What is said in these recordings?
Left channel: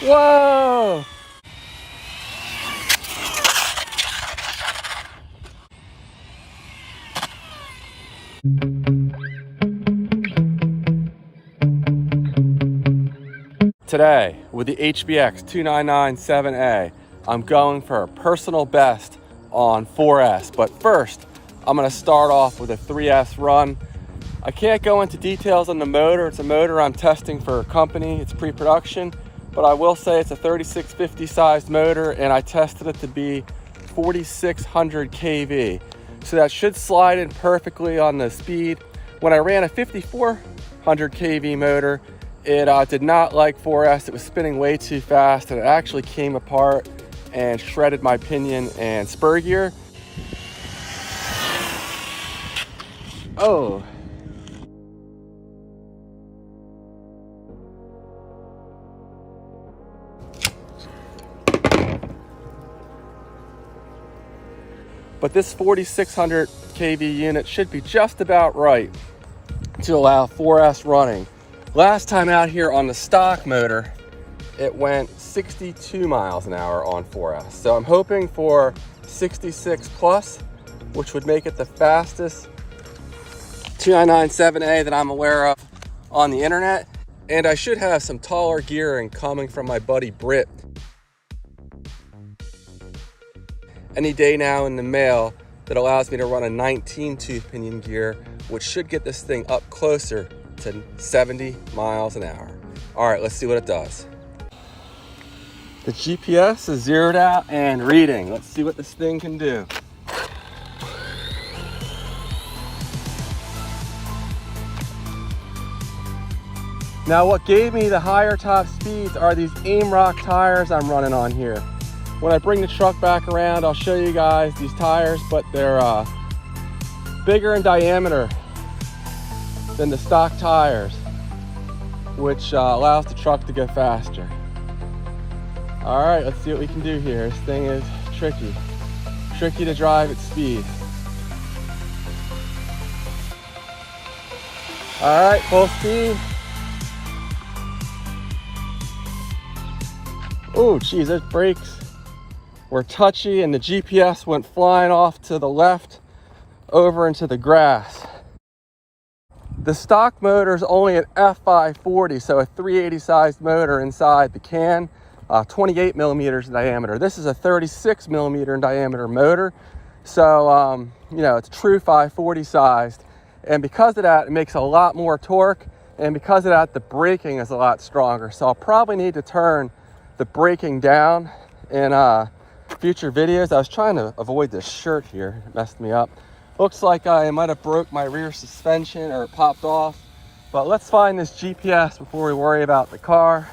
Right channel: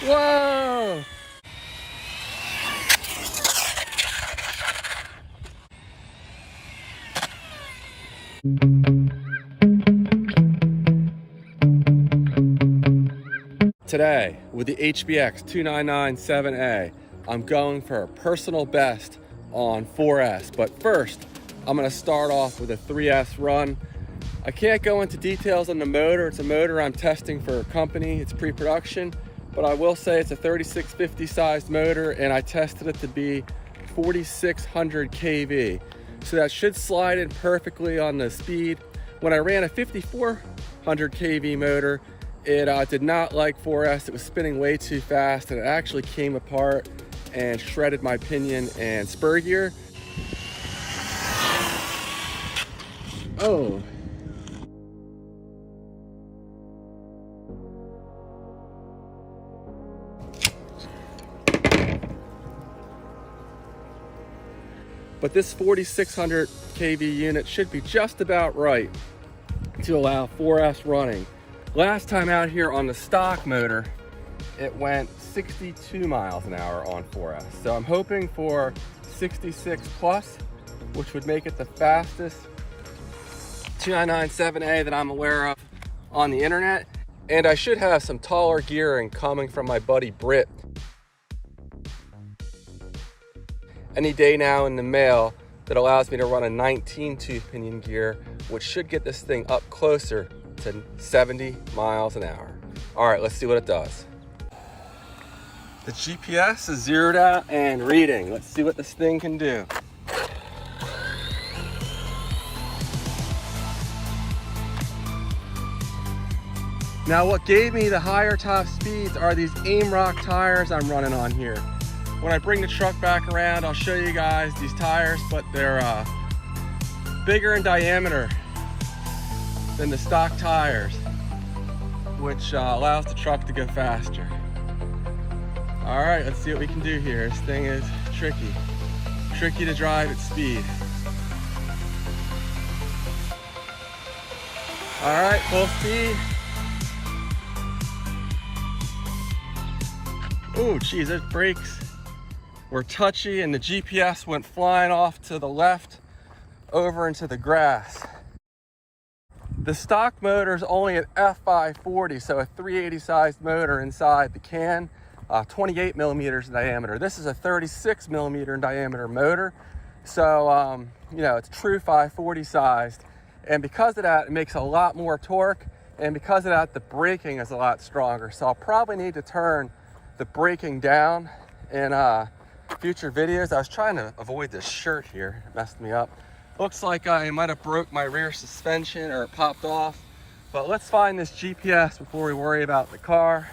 Whoa! Today, with the HBX 2997A, I'm going for a personal best on 4S. But first, I'm gonna start off with a 3S run. I can't go into details on the motor. It's a motor I'm testing for a company. It's pre-production, but I will say it's a 3650 sized motor, and I tested it to be 4600 kV. So that should slide in perfectly on the speed. When I ran a 5400 kV motor, it did not like 4S. It was spinning way too fast, and it actually came apart and shredded my pinion and spur gear. Oh. But this 4600 kV unit should be just about right to allow 4S running. Last time out here on the stock motor, it went 62 miles an hour on 4S. So I'm hoping for 66 plus, which would make it the fastest 2997A that I'm aware of on the internet. And I should have some taller gearing coming from my buddy Britt any day now in the mail that allows me to run a 19 tooth pinion gear, which should get this thing up closer to 70 miles an hour. All right, let's see what it does. The GPS is zeroed out and reading. Let's see what this thing can do. Now, what gave me the higher top speeds are these AIMROCK tires I'm running on here. When I bring the truck back around, I'll show you guys these tires, but they're bigger in diameter than the stock tires, which allows the truck to go faster. All right, let's see what we can do here. This thing is tricky to drive at speed. All right, full speed. Oh, geez, those brakes were touchy, and the GPS went flying off to the left over into the grass. The stock motor is only an F540, so a 380 sized motor inside the can, 28 millimeters in diameter. This is a 36 millimeter in diameter motor, so you know, it's true 540 sized. And because of that, it makes a lot more torque, and because of that, the braking is a lot stronger. So I'll probably need to turn the braking down in future videos. I was trying to avoid this shirt here, it messed me up. Looks like I might have broke my rear suspension or it popped off, but let's find this GPS before we worry about the car.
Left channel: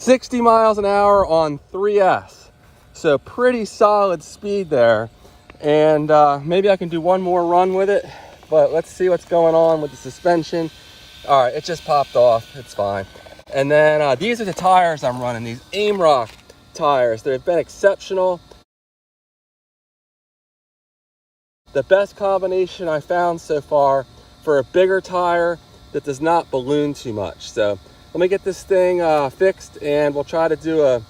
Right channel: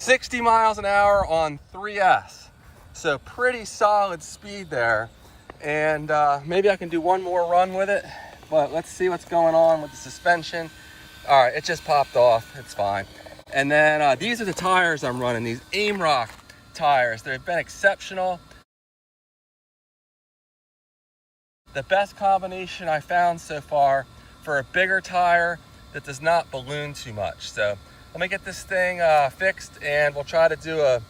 60 miles an hour on 3S, so pretty solid speed there. And maybe I can do one more run with it, but let's see what's going on with the suspension. All right, it just popped off, it's fine. And then these are the tires I'm running, these AIMROCK tires. They've been exceptional. The best combination I found so far for a bigger tire that does not balloon too much. So let me get this thing fixed, and we'll try to do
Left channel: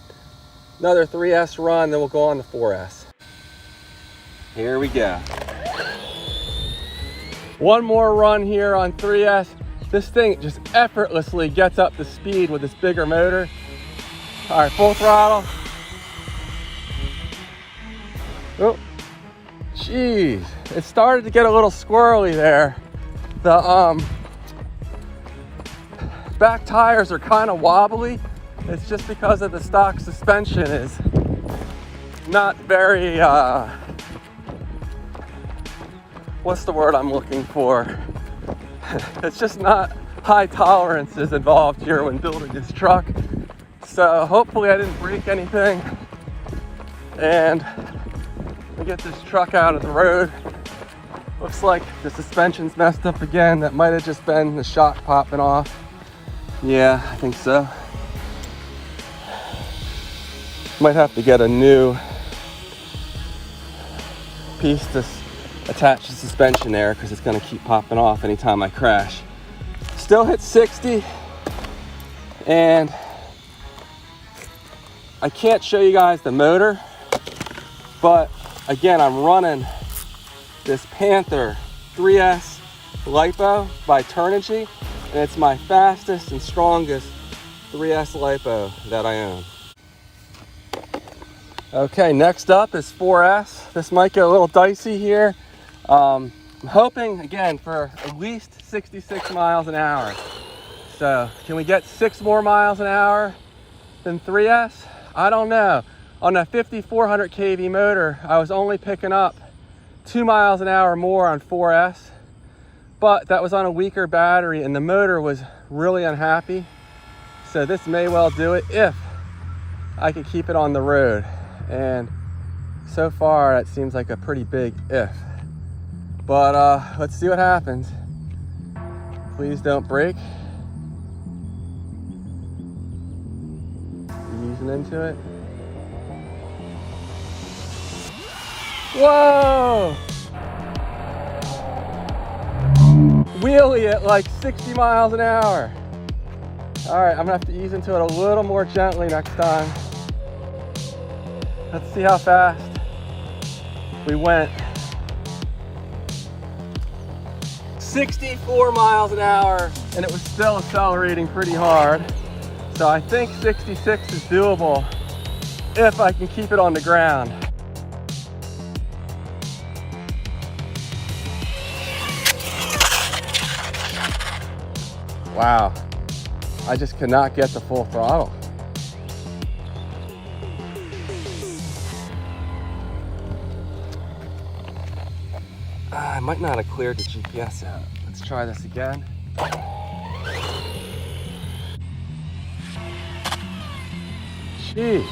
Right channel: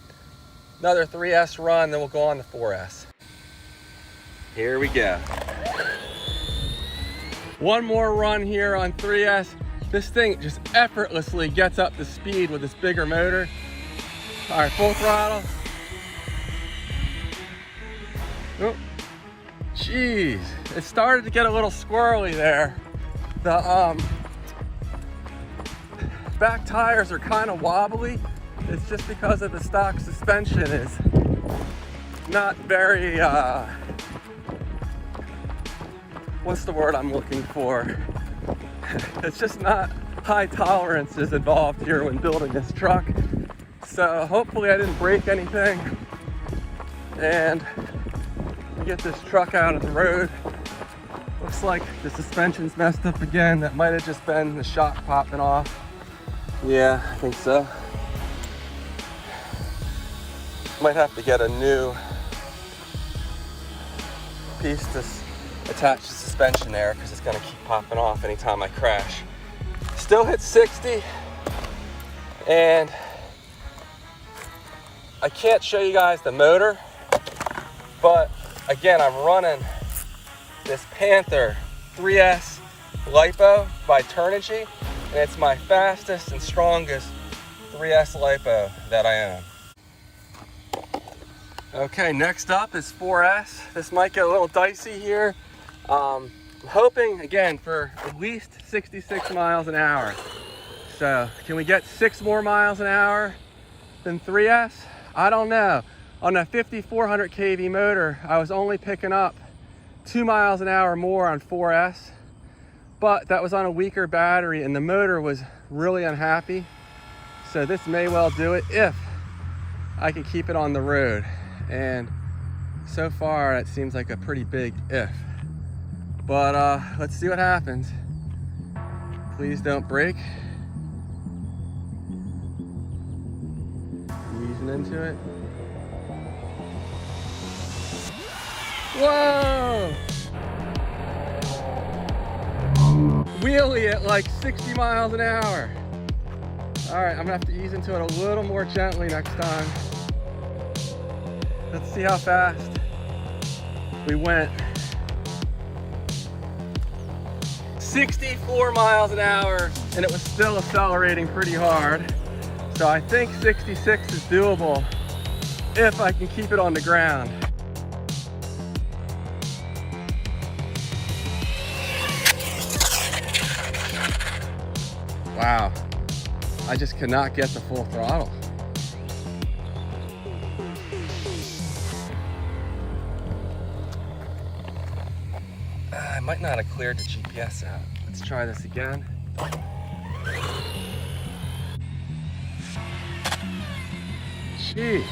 another 3S run, then we'll go on to 4S. Here we go. One more run here on 3S. This thing just effortlessly gets up to speed with this bigger motor. All right, full throttle. Oh, geez, it started to get a little squirrely there. The back tires are kind of wobbly. It's just because of the stock suspension is not very, what's the word I'm looking for? It's just not high tolerances involved here when building this truck. So hopefully I didn't break anything, and we get this truck out of the road. Looks like the suspension's messed up again. That might have just been the shock popping off. Yeah, I think so. Might have to get a new piece to attach the suspension there, because it's going to keep popping off anytime I crash. Still hit 60, And I can't show you guys the motor, but again, I'm running this Panther 3S LiPo by Turnigy, and it's my fastest and strongest 3S LiPo that I own. Okay, next up is 4S. This might get a little dicey here. I'm hoping, again, for at least 66 miles an hour. So, can we get 6 more miles an hour than 3S? I don't know. On a 5400 kV motor, I was only picking up 2 miles an hour more on 4S, but that was on a weaker battery and the motor was really unhappy. So this may well do it if I can keep it on the road. And so far, it seems like a pretty big if. But let's see what happens. Please don't break. Easing into it. Whoa! Wheelie at like 60 miles an hour. All right, I'm gonna have to ease into it a little more gently next time. Let's see how fast we went. 64 miles an hour, and it was still accelerating pretty hard. So I think 66 is doable if I can keep it on the ground. Wow, I just could not get the full throttle. I might not have cleared the GPS out. Let's try this again. Jeez.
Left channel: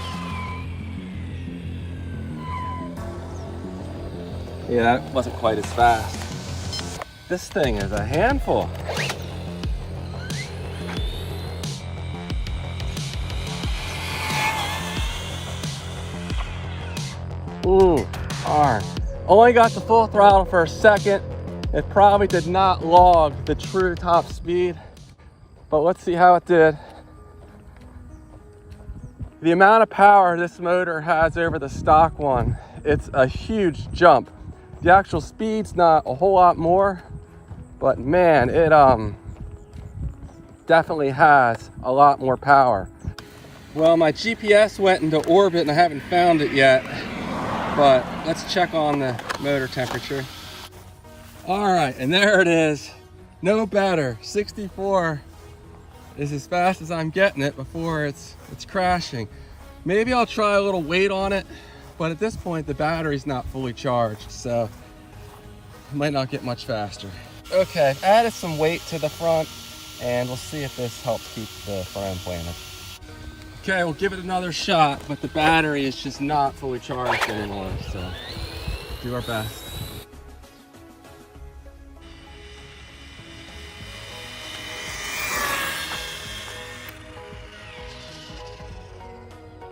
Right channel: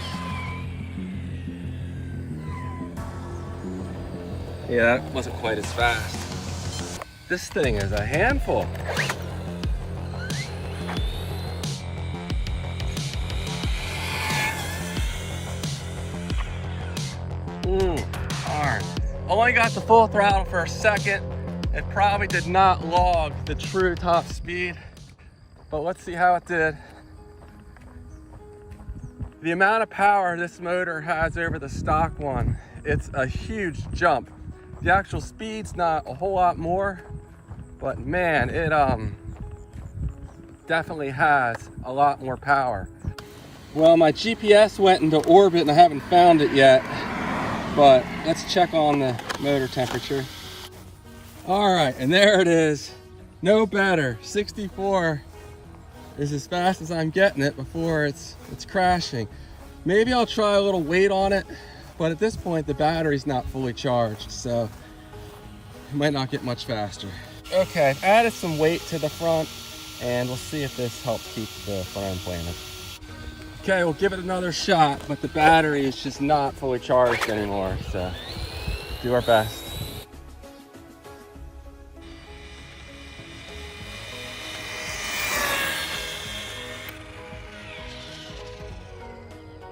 Yeah, that wasn't quite as fast. This thing is a handful. Hard. Only got the full throttle for a second. It probably did not log the true top speed, but let's see how it did. The amount of power this motor has over the stock one, it's a huge jump. The actual speed's not a whole lot more, but man, it definitely has a lot more power. Well, my GPS went into orbit and I haven't found it yet. But let's check on the motor temperature. All right, and there it is. No better. 64 is as fast as I'm getting it before it's crashing. Maybe I'll try a little weight on it, but at this point the battery's not fully charged, so it might not get much faster. Okay, I've added some weight to the front, and we'll see if this helps keep the front end planted. Okay, we'll give it another shot, but the battery is just not fully charged anymore, so do our best.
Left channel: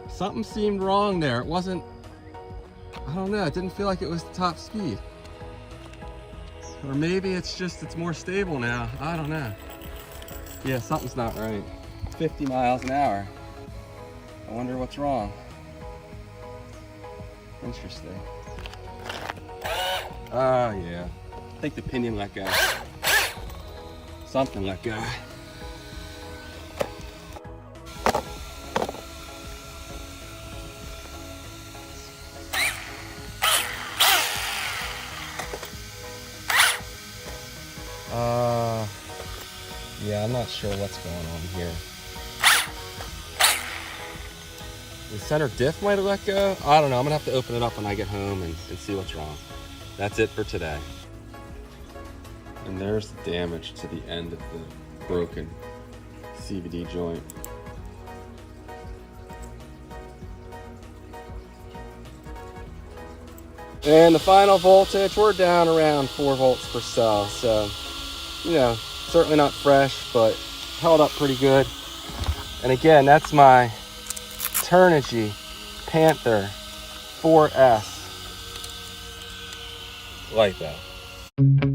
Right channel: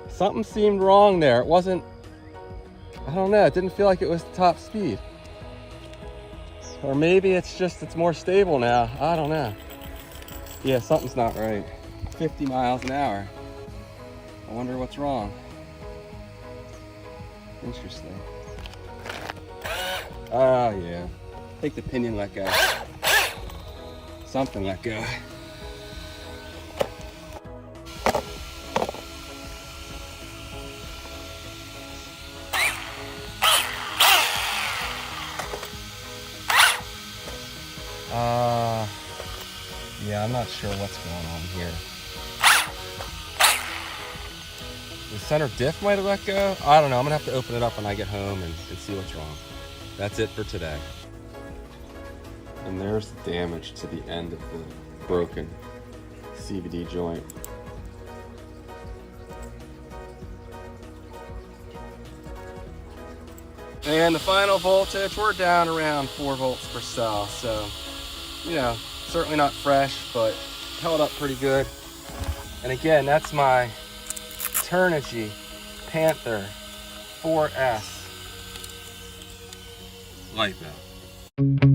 Something seemed wrong there. It wasn't, I don't know, it didn't feel like it was top speed. Or maybe it's more stable now. I don't know. Yeah, something's not right. 50 miles an hour. I wonder what's wrong. Interesting. Oh yeah. I think the pinion let go. Something let go. Yeah, I'm not sure what's going on here. The center diff might have let go. I don't know. I'm gonna have to open it up when I get home and see what's wrong. That's it for today. And there's the damage to the end of the broken CVD joint. And the final voltage, we're down around 4 volts per cell. So, you know, certainly not fresh, but held up pretty good. And again, that's my Turnigy Panther 4S LiPo.